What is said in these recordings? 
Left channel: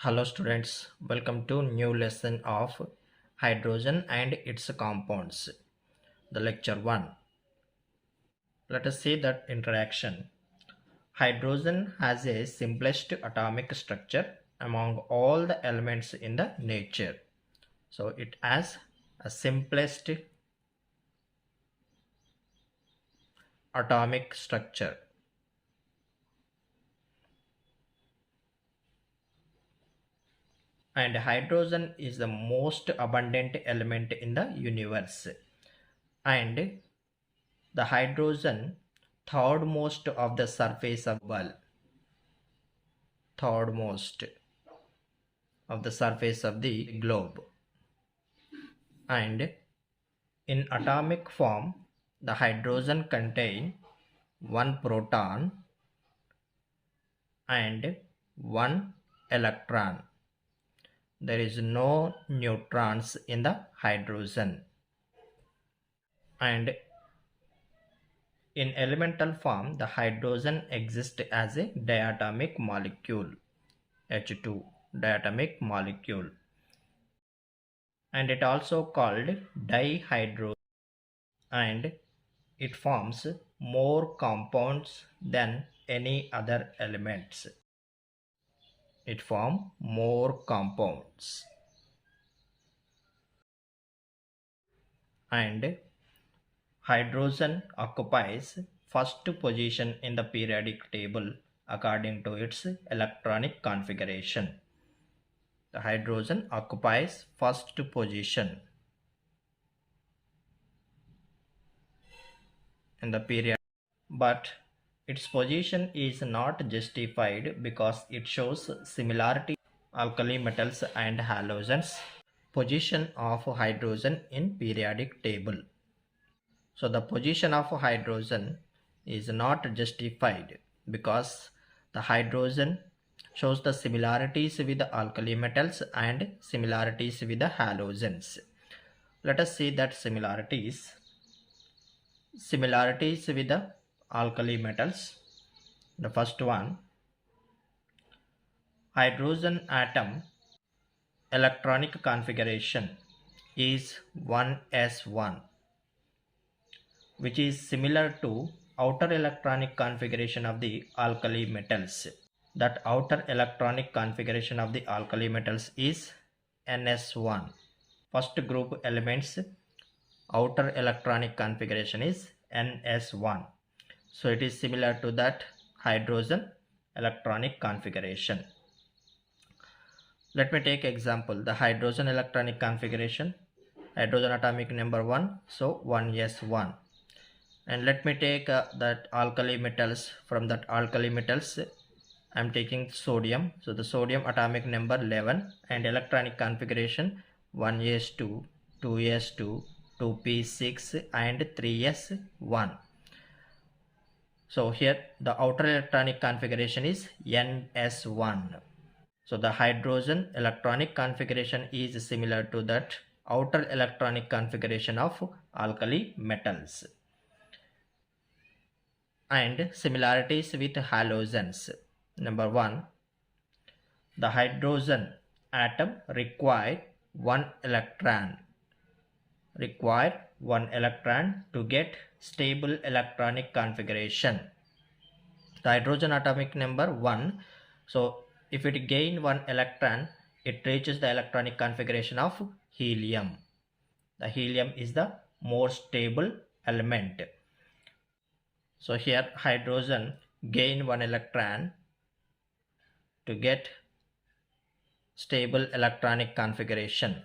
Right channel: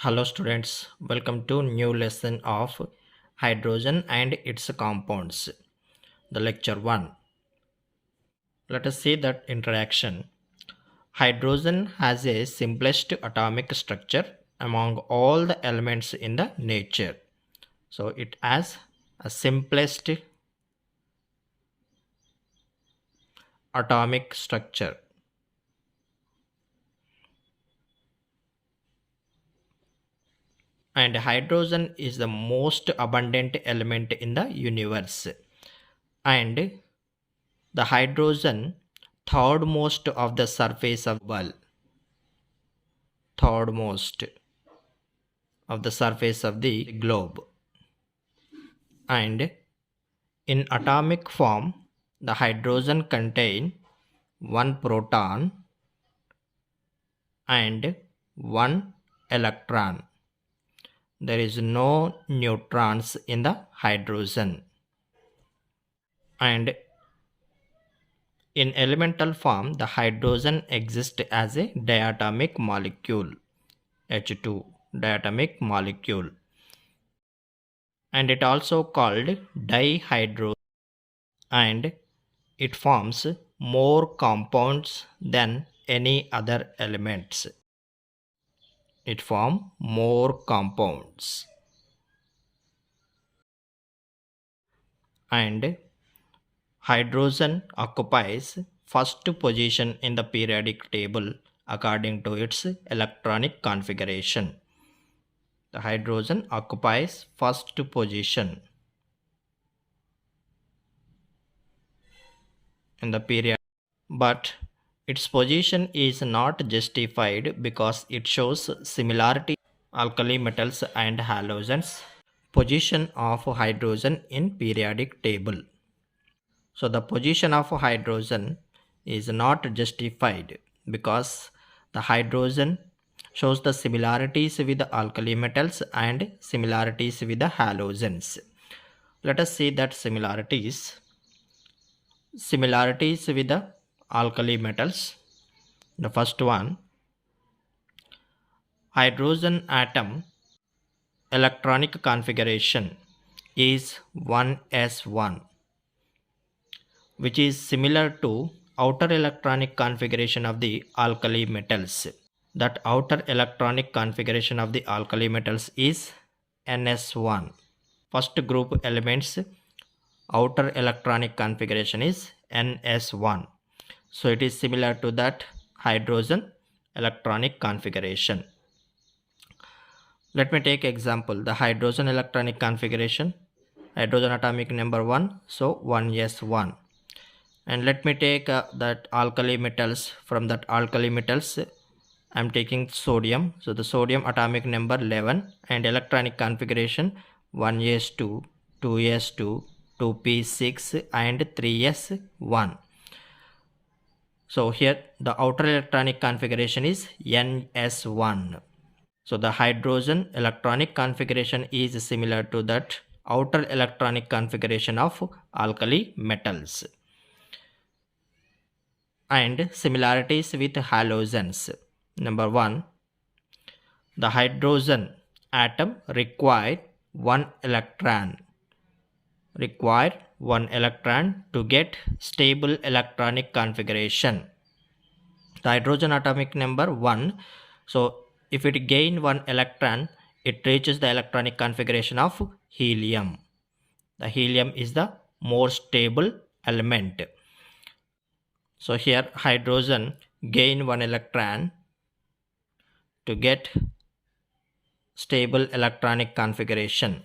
Hello students, welcome to new lesson of hydrogen and its compounds, the lecture 1. Let us see that introduction. Hydrogen has a simplest atomic structure among all the elements in the nature. So it has a simplest atomic structure. And hydrogen is the most abundant element in the universe. And the hydrogen thirdmost of the surface of the world. Thirdmost of the surface of the globe. And in atomic form, the hydrogen contain one proton and one electron. There is no neutrons in the hydrogen. And in elemental form, the hydrogen exists as a diatomic molecule, H2, diatomic molecule. And it also called dihydrogen, and it forms more compounds than any other elements. It forms more compounds. And hydrogen occupies first position in the periodic table according to its electronic configuration. The hydrogen occupies first position in the period, but its position is not justified because it shows similarity alkali metals and halogens position of hydrogen in periodic table. So the position of hydrogen is not justified because the hydrogen shows the similarities with the alkali metals and similarities with the halogens. Let us see that similarities with the alkali metals. The first one, hydrogen atom electronic configuration is 1s1, which is similar to outer electronic configuration of the alkali metals. That outer electronic configuration of the alkali metals is ns1. First group elements outer electronic configuration is ns1. So it is similar to that hydrogen electronic configuration. Let me take example, the hydrogen electronic configuration, hydrogen atomic number 1, so 1s1. And let me take that alkali metals. From that alkali metals I am taking sodium, so the sodium atomic number 11 and electronic configuration 1s2, 2s2, 2p6 and 3s1. So here the outer electronic configuration is ns1. So the hydrogen electronic configuration is similar to that outer electronic configuration of alkali metals. And similarities with halogens. Number 1, the hydrogen atom require one electron to get stable electronic configuration. The hydrogen atomic number 1, so if it gain one electron, it reaches the electronic configuration of helium. The helium is the more stable element. So here hydrogen gain one electron to get stable electronic configuration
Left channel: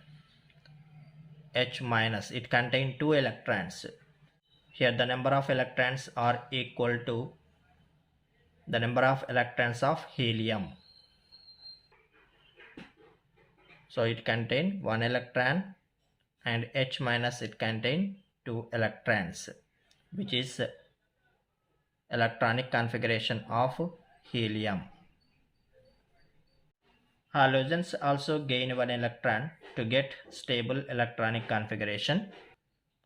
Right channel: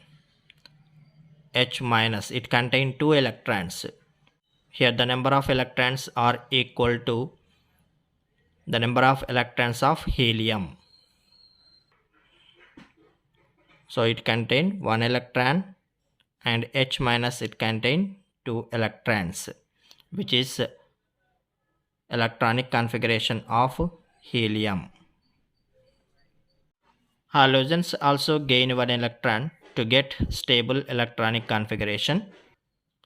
H minus. It contains 2 electrons. Here the number of electrons are equal to the number of electrons of helium. So it contains 1 electron, and H minus it contains 2 electrons, which is electronic configuration of helium. Halogens also gain 1 electron to get stable electronic configuration.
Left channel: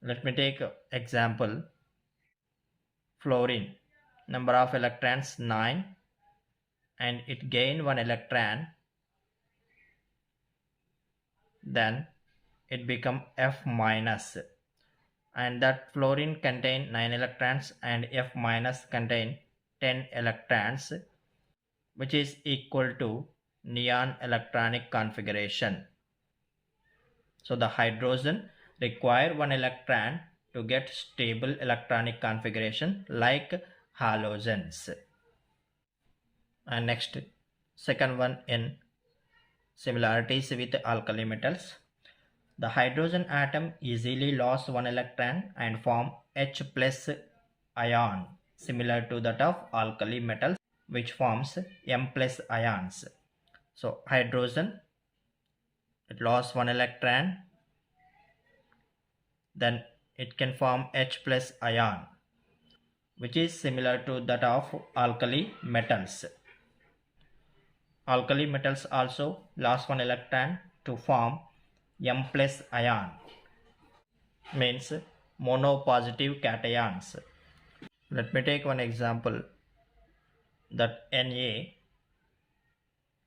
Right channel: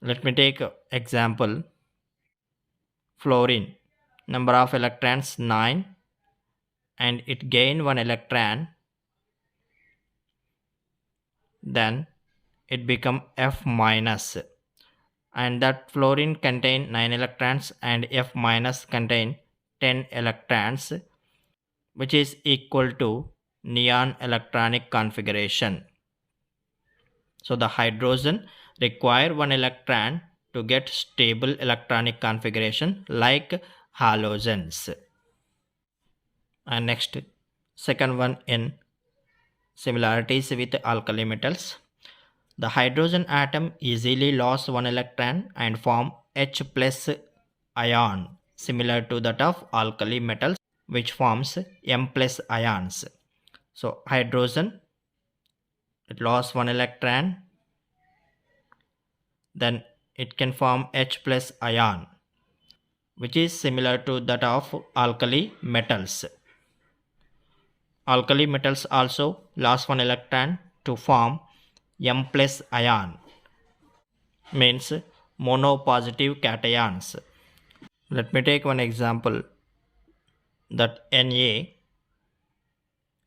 Let me take example, fluorine, number of electrons 9, and it gain 1 electron then it become F minus, and that fluorine contain 9 electrons and F minus contain 10 electrons, which is equal to neon electronic configuration. So the hydrogen require one electron to get stable electronic configuration like halogens. And next, second one in similarities with alkali metals. The hydrogen atom easily lost one electron and form H plus ion, similar to that of alkali metals, which forms M plus ions. So hydrogen, it lost one electron, then it can form H plus ion, which is similar to that of alkali metals. Alkali metals also lost one electron to form M plus ion, means monopositive cations. Let me take one example that Na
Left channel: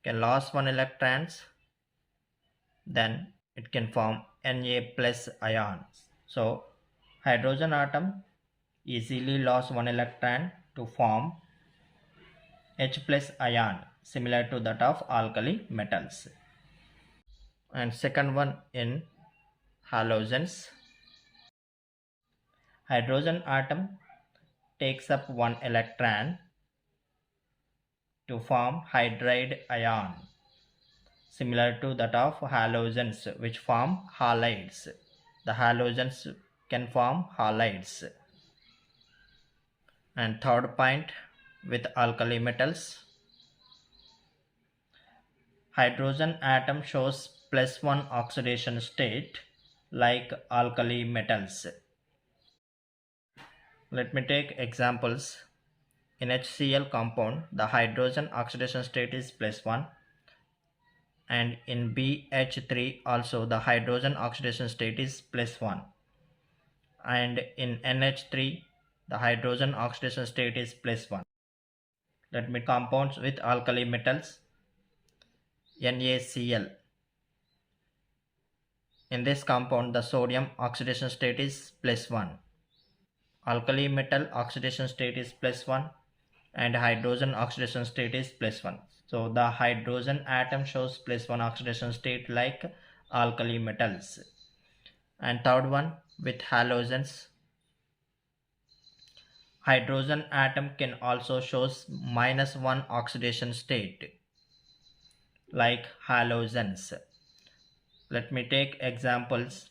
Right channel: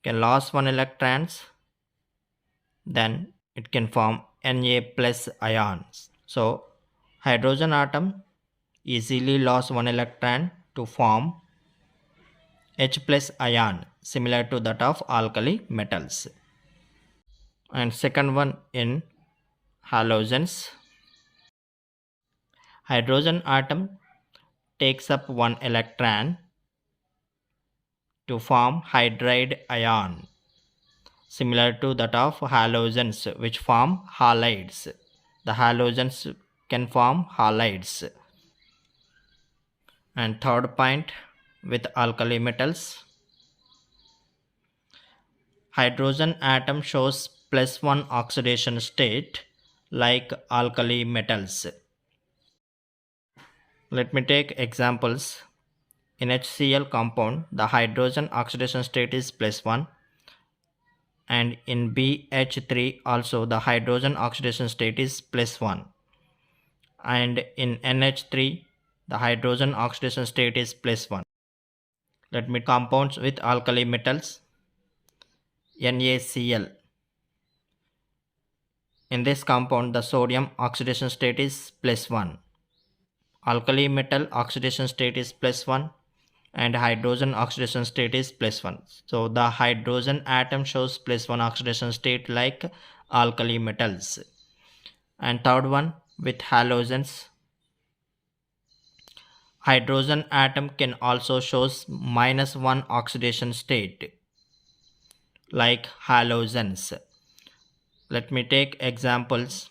can lose one electrons, then it can form Na plus ions. So hydrogen atom easily lost one electron to form H plus ion, similar to that of alkali metals. And second one in halogens. Hydrogen atom takes up one electron to form hydride ion, similar to that of halogens, which form halides. The halogens can form halides. And third point with alkali metals. Hydrogen atom shows +1 oxidation state like alkali metals. Let me take examples. In HCl compound, the hydrogen oxidation state is +1, and in BH3 also the hydrogen oxidation state is +1, and in NH3 the hydrogen oxidation state is +1. Let me compounds with alkali metals. NaCl. In this compound the sodium oxidation state is +1. Alkali metal oxidation state is +1 and hydrogen oxidation state is +1. So the hydrogen atom shows +1 oxidation state like alkali metals. And third one with halogens. Hydrogen atom can also shows -1 oxidation state like halogens. Let me take examples.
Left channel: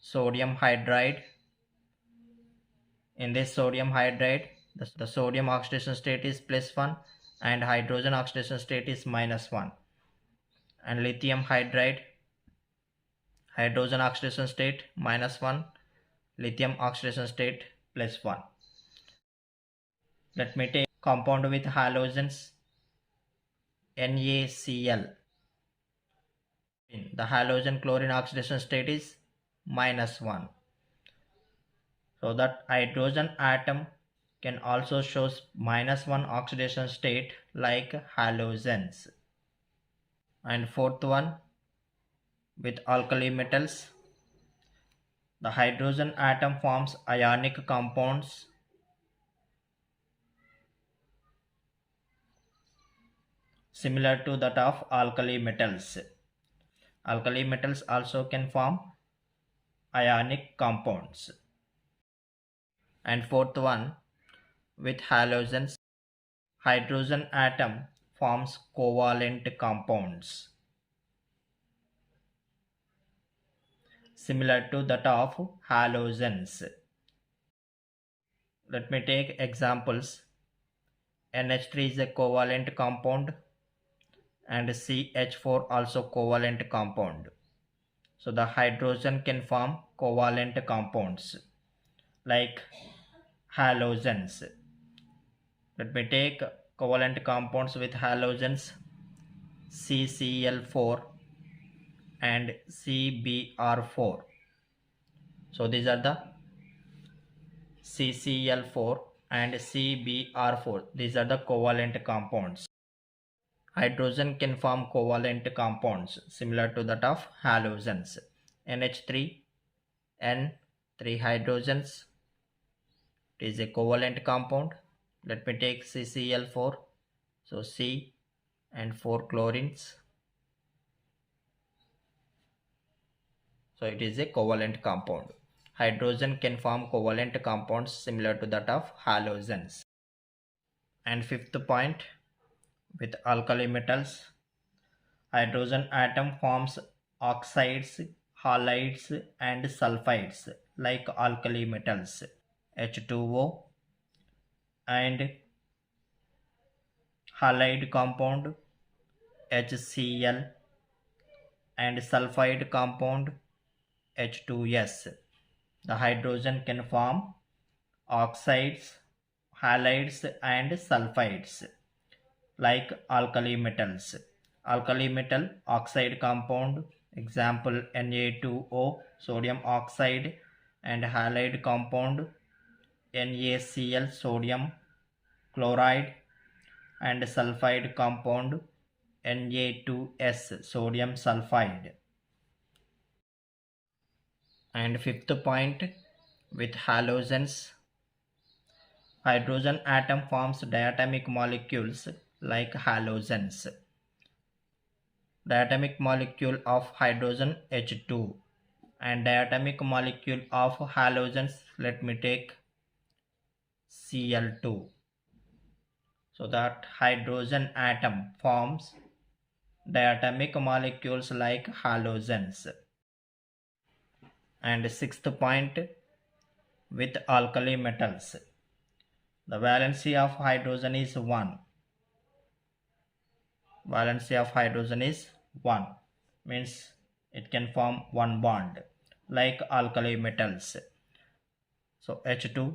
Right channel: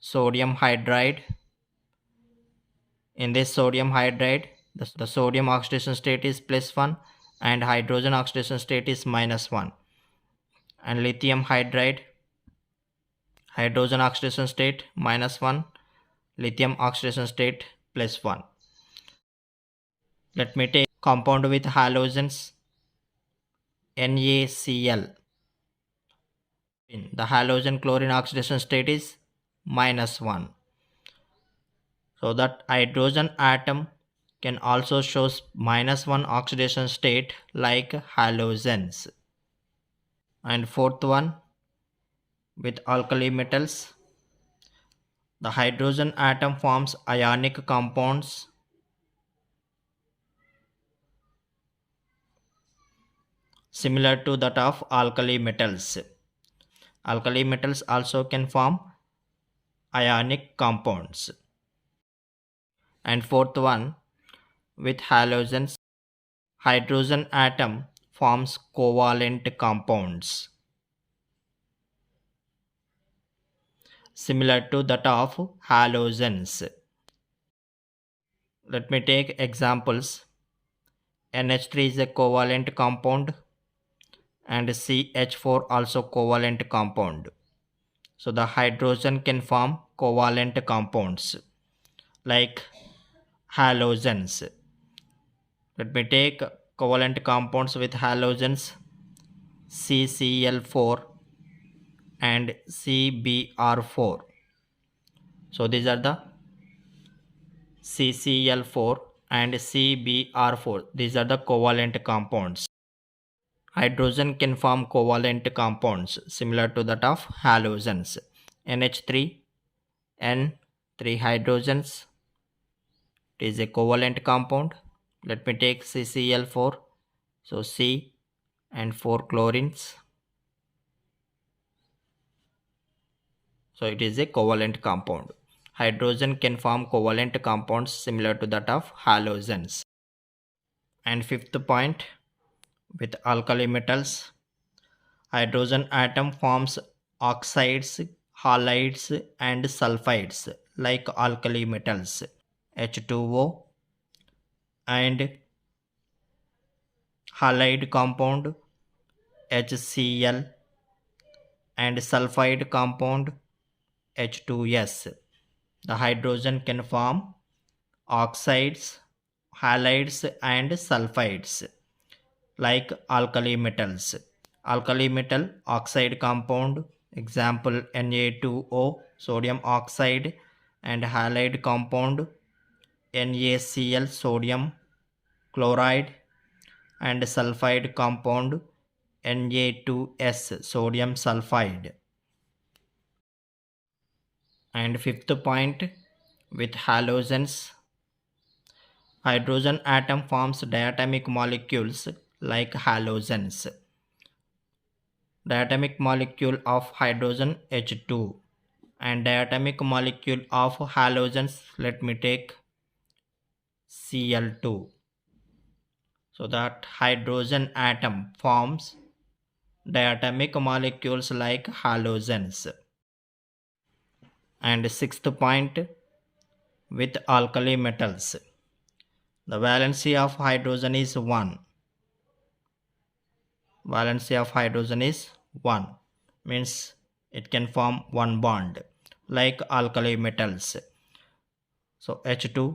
Sodium hydride. In this sodium hydride, the sodium oxidation state is +1 and hydrogen oxidation state is -1. And lithium hydride, hydrogen oxidation state -1, lithium oxidation state +1. Let me take compound with halogens. NaCl. The halogen chlorine oxidation state is -1. So that hydrogen atom can also shows -1 oxidation state like halogens. And fourth one with alkali metals. The hydrogen atom forms ionic compounds similar to that of alkali metals. Alkali metals also can form ionic compounds. And fourth one with halogens. Hydrogen atom forms covalent compounds similar to that of halogens. Let me take examples. NH3 is a covalent compound and CH4 also covalent compound. So the hydrogen can form covalent compounds like halogens. Let me take covalent compounds with halogens. CCl4 and CBr4. So these are the CCl4 and CBr4. These are the covalent compounds. Hydrogen can form covalent compounds similar to that of halogens. NH3, N, 3 hydrogens. It is a covalent compound. Let me take CCl4. So C and 4 chlorines. So it is a covalent compound. Hydrogen can form covalent compounds similar to that of halogens. And fifth point, with alkali metals, hydrogen atom forms oxides, halides and sulfides like alkali metals H2O and halide compound HCl and sulfide compound H2S. The hydrogen can form oxides, halides and sulfides like alkali metals. Alkali metal oxide compound, example Na2O, sodium oxide, and halide compound NaCl, sodium chloride, and sulfide compound Na2S, sodium sulfide. And fifth point, with halogens, hydrogen atom forms diatomic molecules like halogens. Diatomic molecule of hydrogen H2 and diatomic molecule of halogens, let me take Cl2. So that hydrogen atom forms diatomic molecules like halogens. And sixth point, with alkali metals, the valency of hydrogen is 1. Valency of hydrogen is 1, means it can form one bond like alkali metals. So H2,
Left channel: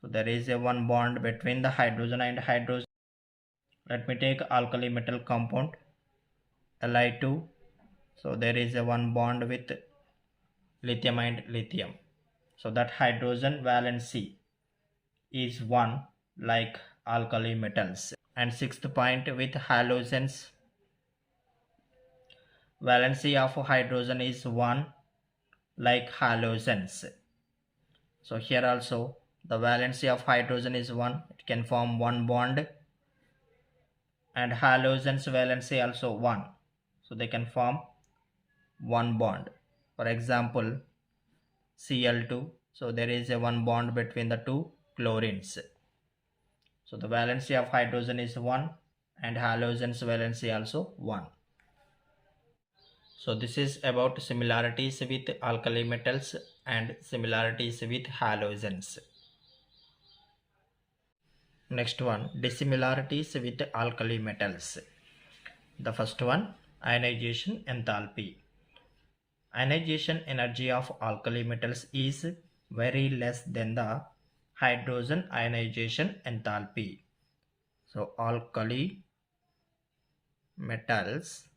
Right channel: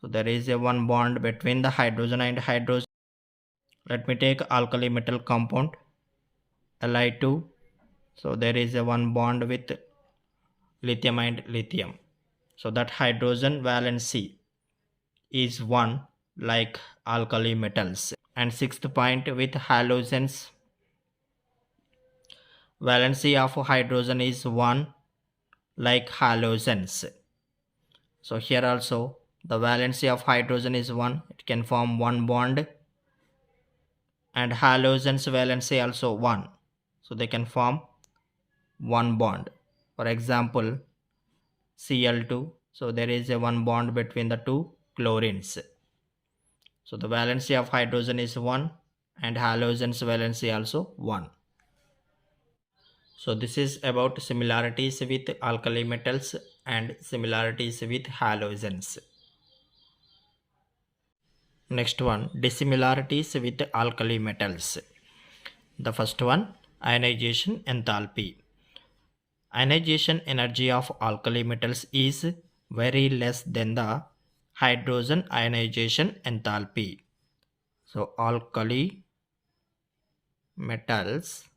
so there is a one bond between the hydrogen and hydrogen. Let me take alkali metal compound Li2, so there is a one bond with lithium and lithium. So that hydrogen valency is 1 like alkali metals. And sixth point, with halogens, valency of hydrogen is 1 like halogens. So here also the valency of hydrogen is 1, it can form one bond, and halogens valency also 1, so they can form one bond. For example Cl2, so there is a one bond between the two chlorines. So the valency of hydrogen is 1 and halogens valency also 1. So this is about similarities with alkali metals and similarities with halogens. Next one, dissimilarities with alkali metals. The first one, ionization enthalpy. Ionization energy of alkali metals is very less than the hydrogen ionization enthalpy. So alkali metals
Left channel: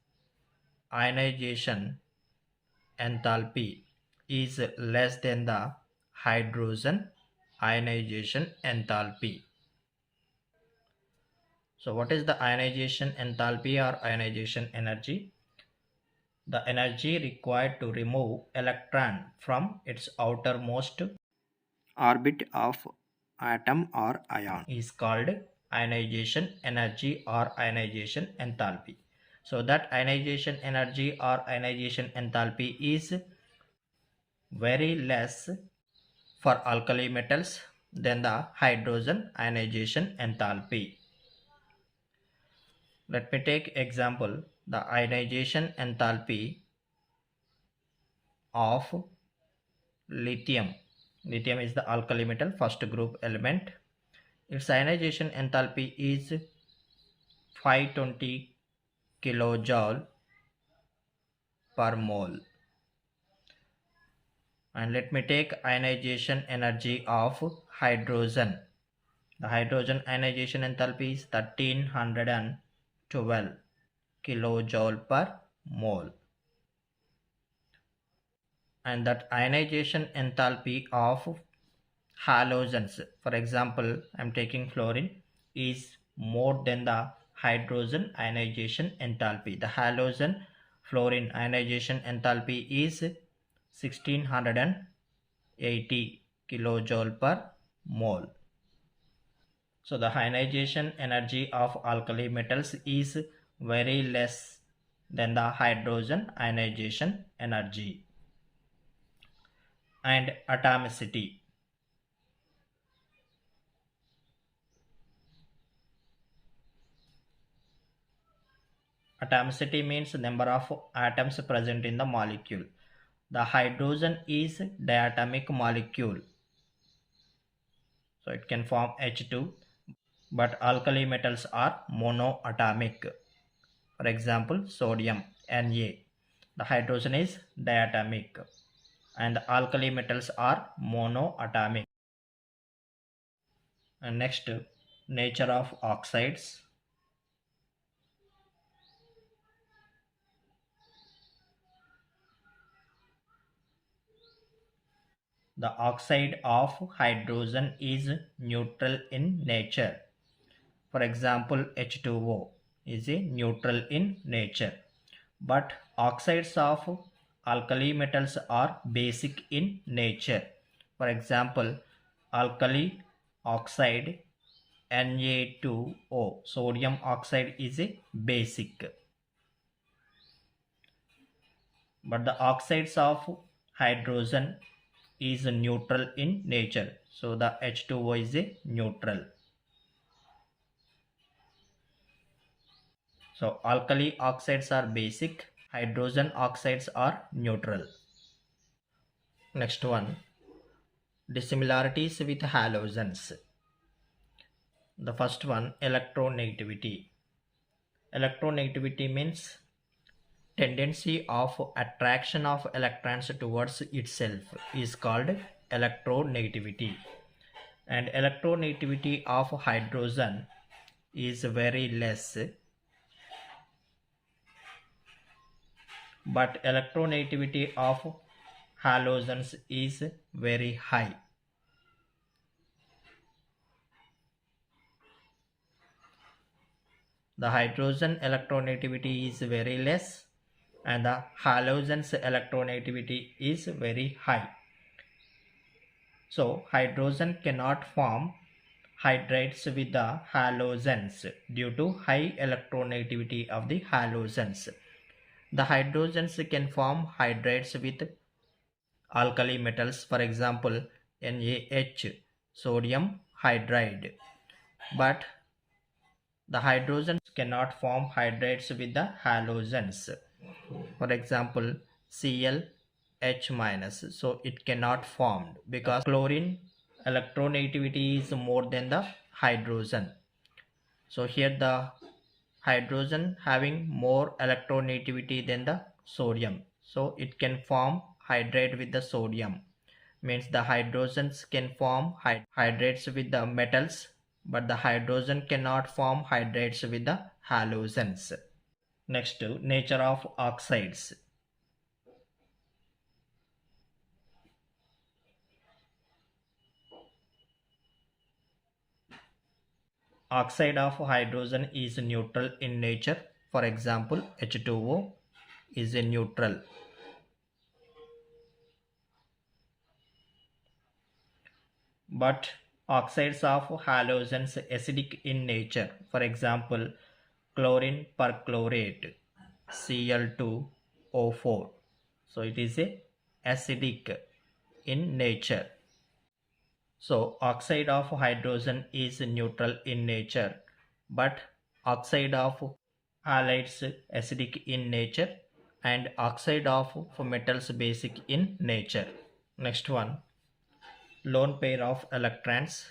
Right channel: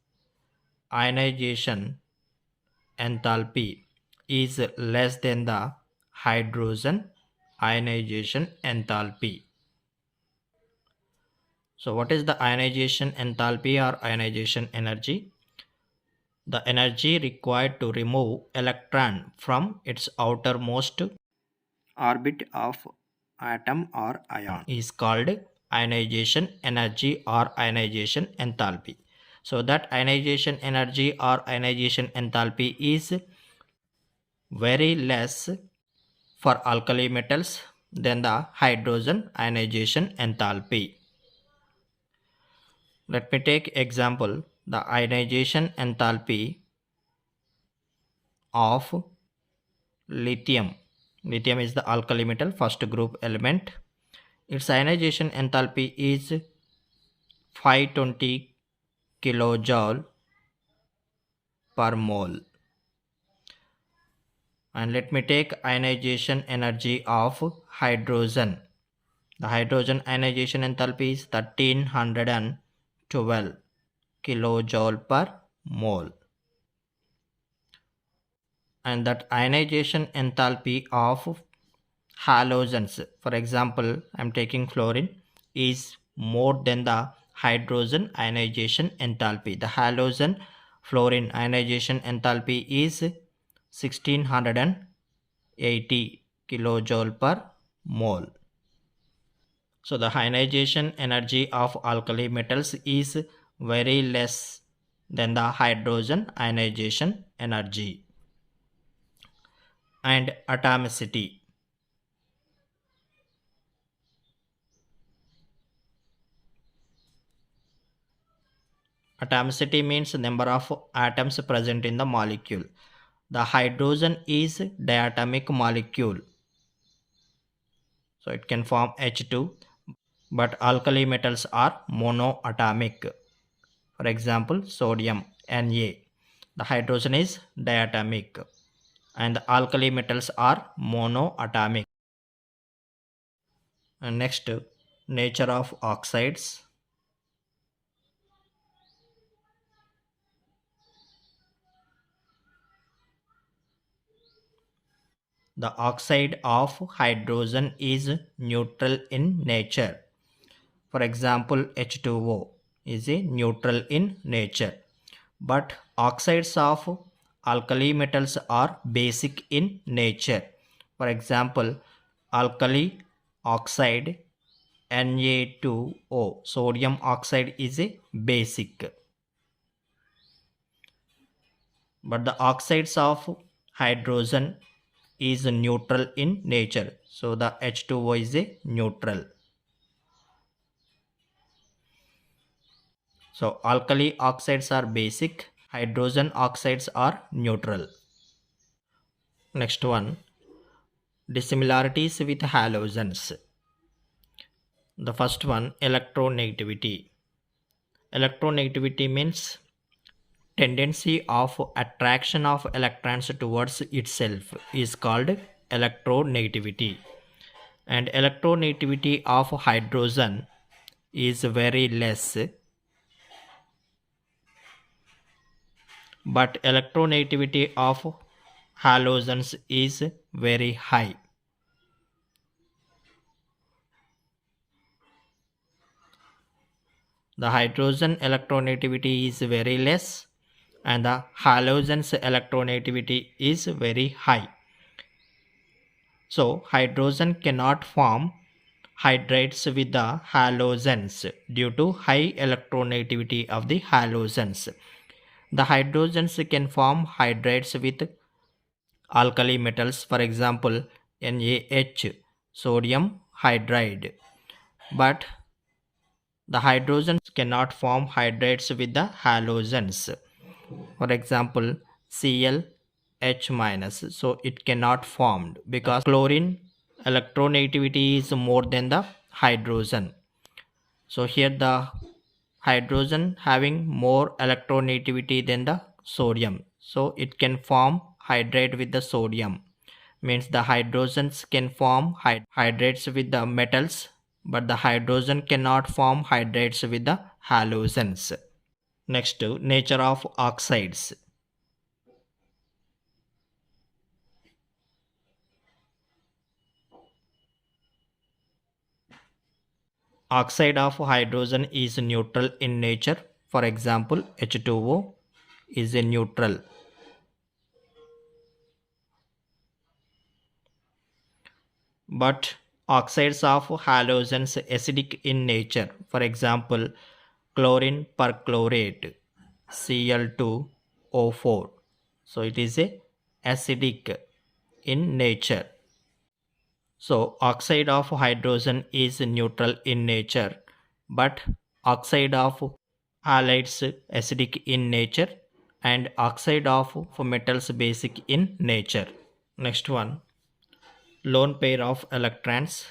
ionization enthalpy is less than the hydrogen ionization enthalpy. So what is the ionization enthalpy or ionization energy? The energy required to remove electron from its outermost orbit of atom or ion is called ionization energy or ionization enthalpy. So that ionization energy or ionization enthalpy is very less for alkali metals than the hydrogen ionization enthalpy. Let me take example, the ionization enthalpy of lithium. Lithium is the alkali metal, first group element. Its ionization enthalpy is 520 kilojoule per mole. And let me take ionization energy of hydrogen. The hydrogen ionization enthalpy is 1312 kilojoule per mole. And that ionization enthalpy of halogens, for example I am taking fluorine, is more than the hydrogen ionization enthalpy. The halogen fluorine ionization enthalpy is 1680 kilojoule per mole. So the ionization energy of alkali metals is very less than the hydrogen ionization energy. And atomicity. Atomicity means number of atoms present in the molecule. The hydrogen is diatomic molecule, so it can form H2, but alkali metals are monoatomic. For example, sodium Na. The hydrogen is diatomic and the alkali metals are monoatomic. And next, nature of oxides. The oxide of hydrogen is neutral in nature. For example, H2O is a neutral in nature. But oxides of alkali metals are basic in nature. For example, alkali oxide Na2O, sodium oxide is a basic. But the oxides of hydrogen is neutral in nature. So the H2O is a neutral. So alkali oxides are basic, hydrogen oxides are neutral. Next one, dissimilarities with halogens. The first one, electronegativity. Electronegativity means tendency of attraction of electrons towards itself is called electronegativity. And electronegativity of hydrogen is very less, but electronegativity of halogens is very high. The hydrogen electronegativity is very less and the halogens electronegativity is very high. So hydrogen cannot form hydrates with the halogens due to high electronegativity of the halogens. The hydrogens can form hydrates with alkali metals, for example NaH, sodium hydride, but the hydrogens cannot form hydrates with the halogens, for example ClH minus, so it cannot formed because chlorine electronegativity is more than the hydrogen. So here the hydrogen having more electronegativity than the sodium, so it can form hydrate with the sodium, means the hydrogens can form hydrates with the metals, but the hydrogen cannot form hydrates with the halogens. Next, nature of oxides. Oxide of hydrogen is neutral in nature. For example, H2O is a neutral. But oxides of halogens acidic in nature. For example, chlorine perchlorate, Cl2O4. So it is a acidic in nature. So oxide of hydrogen is neutral in nature, but oxide of halides acidic in nature and oxide of metals basic in nature. Next one, lone pair of electrons.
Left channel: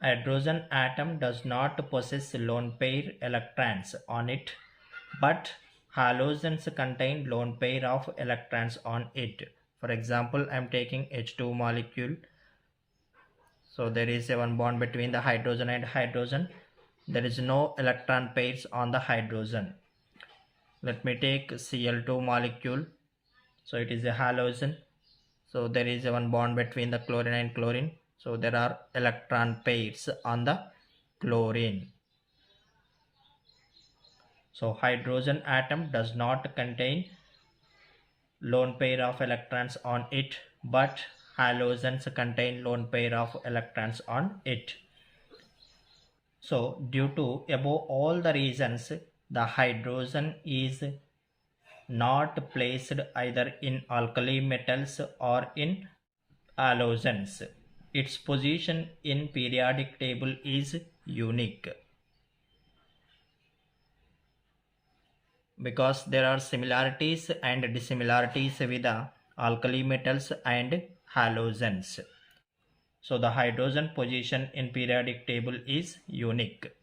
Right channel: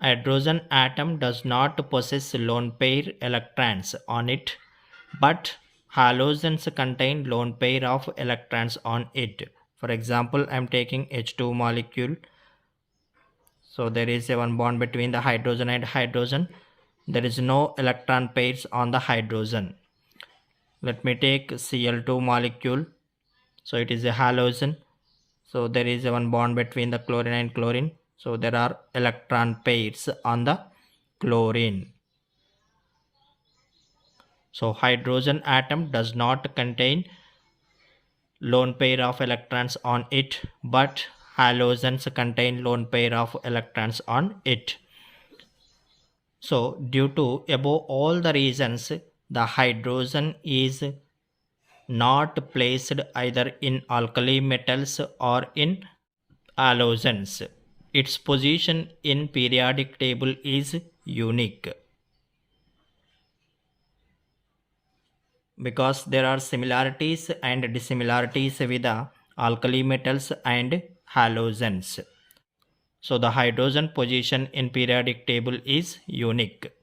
Hydrogen atom does not possess lone pair electrons on it, but halogens contain lone pair of electrons on it. For example, I am taking H2 molecule. So there is a one bond between the hydrogen and hydrogen. There is no electron pairs on the hydrogen. Let me take Cl2 molecule. So it is a halogen. So there is one bond between the chlorine and chlorine. So there are electron pairs on the chlorine. So hydrogen atom does not contain lone pair of electrons on it, but halogens contain lone pair of electrons on it. So due to above all the reasons, the hydrogen is not placed either in alkali metals or in halogens. Its position in periodic table is unique because there are similarities and dissimilarities with the alkali metals and halogens. So the hydrogen position in periodic table is unique.